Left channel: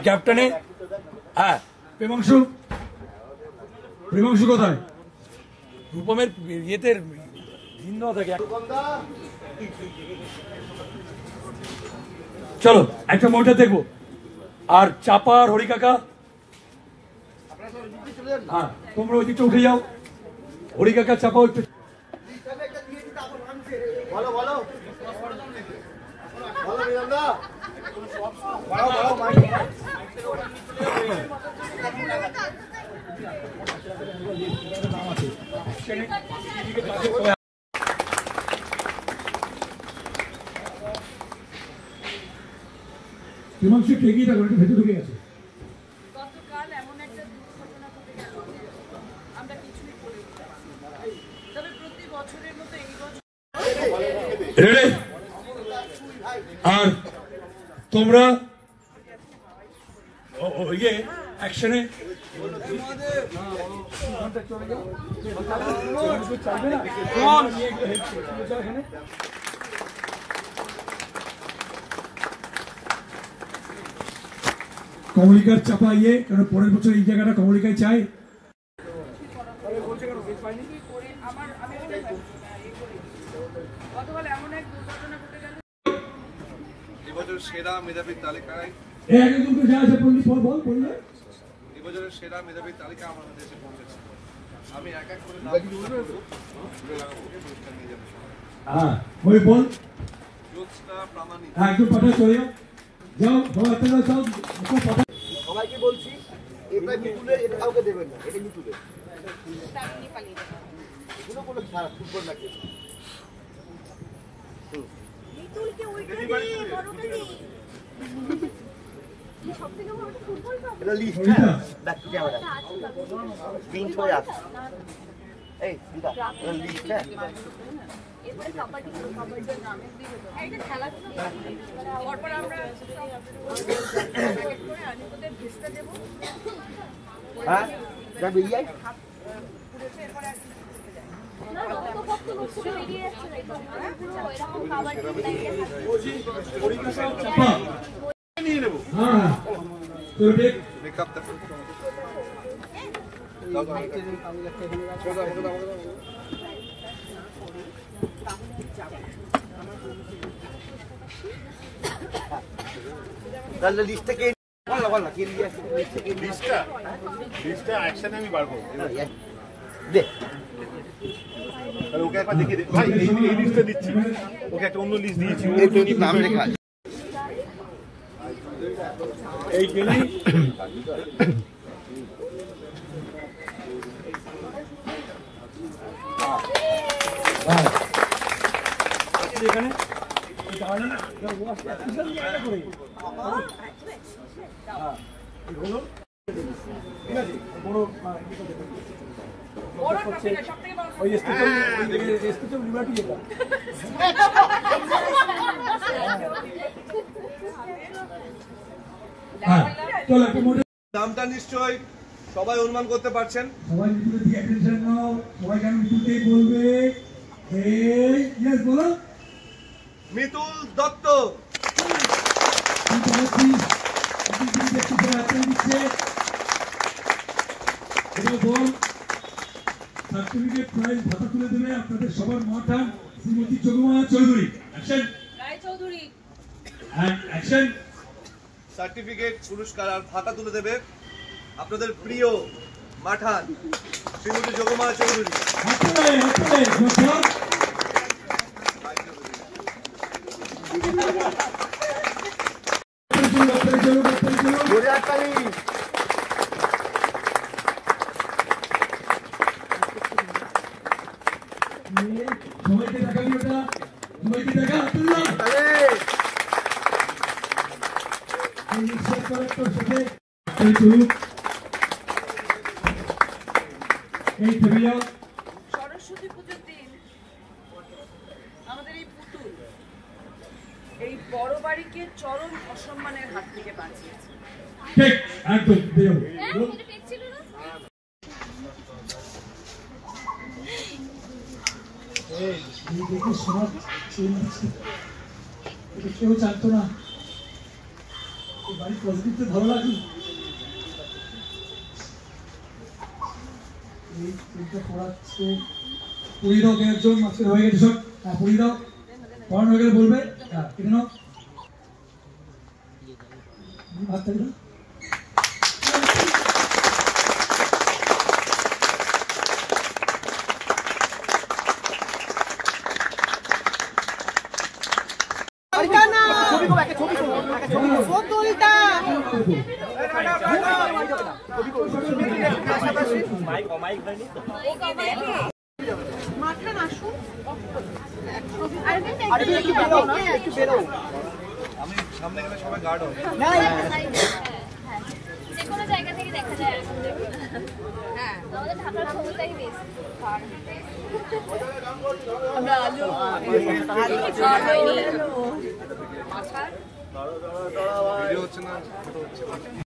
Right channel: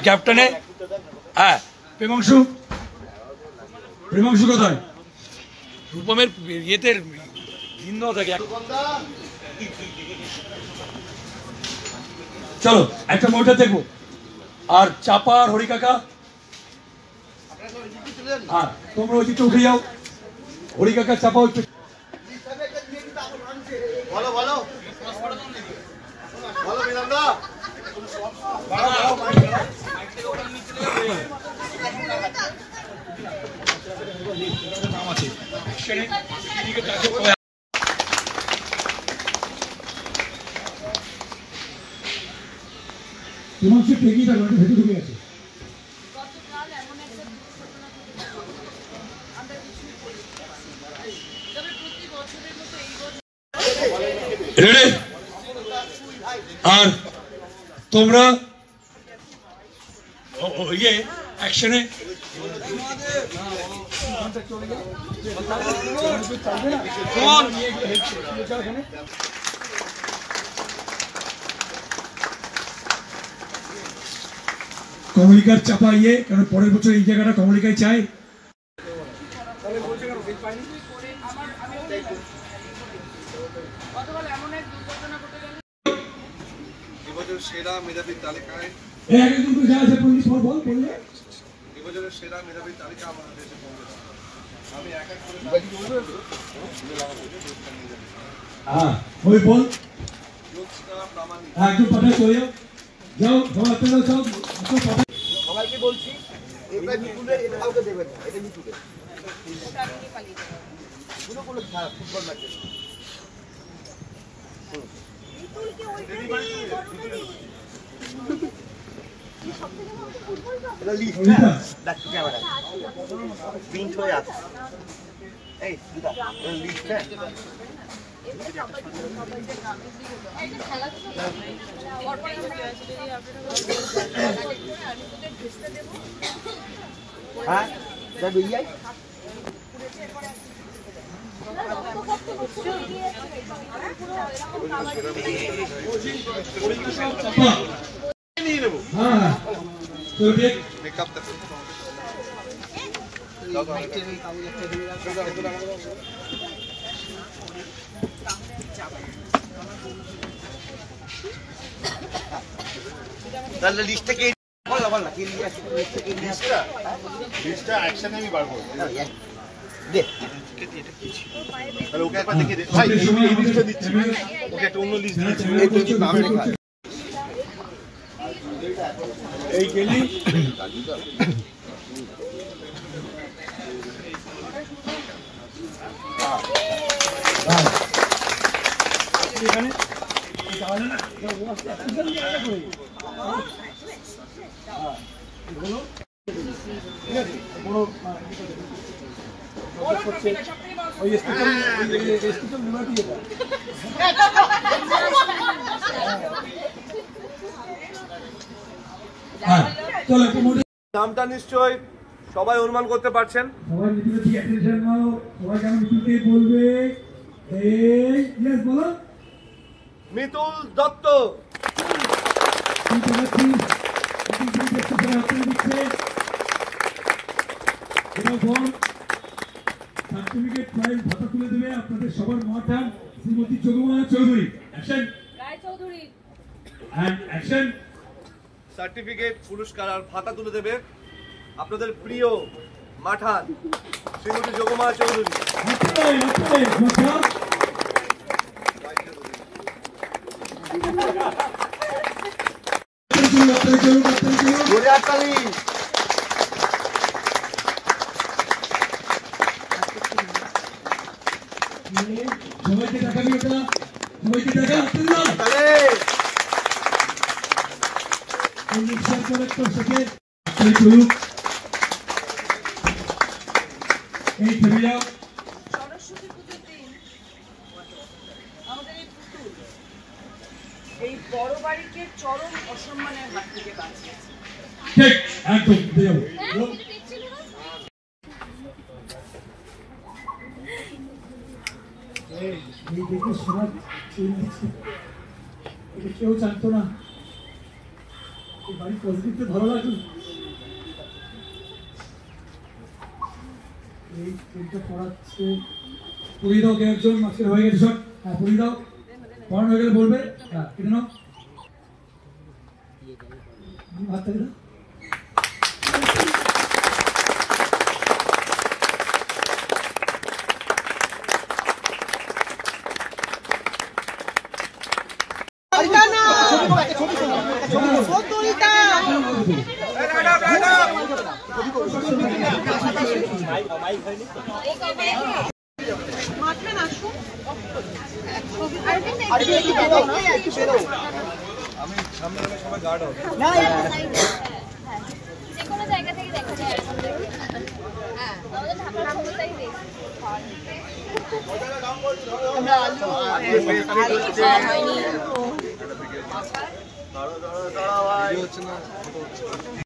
ক্যাপ্টেনে হ্যাঁ প্রেমাংশু প্রেমাংশু কোথায় রূপমের ইয়েতে ভিন্ন থাকে চলো একটা মনিটর দেখবো আর চাপা আর হরি কাকা হ্যাঁ তোমরা ওদিকে উঠে যাও হরি কাকা চাপা ওই বলো বলো বলো বিরামদা নাম আছে হিমাংশু টেকিয়ে থাকবে ভেতরে ঢুকে গেছে গতকাল এমন একটা দুর্ঘটনা ঘটেছে আমরা কিছুই বলতে পারছি না তবে প্রতি বছরের মতো এই বছর রেডি আর তোমরা ইয়ে অ্যাকশনে কমলিকার চাপা ইয়ে কারণ পরের বছর এই জায়গাটা কমলিকায় চাই গতকাল এমন এক দুর্ঘটনা ঘটে গেল এবছর সেরা মেধাবীর তালিকায় এই আগে দুটো যা আছে বললি পর বল বললে এবছরের সেরা মেধাবীর তালিকা আমাদের দেশে পৌঁছেছে আমি এক এক করে হ্যাঁ ওই বল জ্যোৎস্না প্রামাণিক একটু পাঠা চলে যাও যাও সবাই যাও সবাইকে বলছি এটা মিতুলের এটা কাউকে দেবেন না এটা মিতুলের এগুলো কোনো ফুটবল ম্যাচ এটা লিস্ট দেখ ক্যামেরা প্রিন্ট হয়ে আছে এই দিদা এটা লিস্ট না পরপর আমরা তোদের ড্রেসটা দেবো হ্যাঁ যা বেরিয়ে আয় পুড়েছে এরপরে আর নিয়ে নেব হ্যাঁ তো দেখ মেকআপ তা তাহলে লিস্ট থেকে বল না কি লিস্টটা অ্যাকশনে আমি বার করব দে তাহলে ওকে একবার দেখিয়ে দে ভাই এই লিস্টটা দিচ্ছি ওকে একটা অন্য লিস্ট দিয়েছি এই তো নাম লেখা এই গেলেই এখানে তাহলে না করে এগুলো ঠিক আছে বড় ওই স্পিকার লিবার্টি যেটা চলো নামটা নিশ্চয়ই সবাই অনুমান করতে পারছেন সবাই মিতুল কি অ্যাটেনশন নাও সবাই কেন মিতুলকে বলবে এই ইয়েস বলো মিতুল দত্ত সার্টিফিকেট প্রাইজ ভাতা তুলে দেবে আপনাদের সবার madam Shrimati Yogama Chowdhury action Roychowdhury and action certificate পুরস্কার আর ভাতা তুলে দেবে আপনাদের প্রিয় মাঠান শ্রীমতী যোগমা চৌধুরী সবাইকে দেখাবি ওটা সবাইকে দেখা সরস্বতী পুজোর দিন আমাদের এই পুতুল এই বড় বাড়িকে চরম অসম্মানের হাত থেকে বাঁচিয়েছে ঠিক একদম দেও কেউ জানতো না আমি পজিটিভতে ভালো লাগি এই তিনটা পড়াচ্ছে পুড়িয়ে দাও কে একজন মাস্টার হয়ে গেছে সব হ্যাঁ পুড়িয়ে দাও পড়ানো হয়ে গেলে বলবে হ্যাঁ কেটে নাও হাত থেকে দাও আমি সামনে গেলে সবাই গার্ড হবে যে কোনো জায়গা থেকে দেখা যায় এরকম দেখি হ্যাঁ আমাদের ঢাকার ছবিটাই বেশি আমরা আলু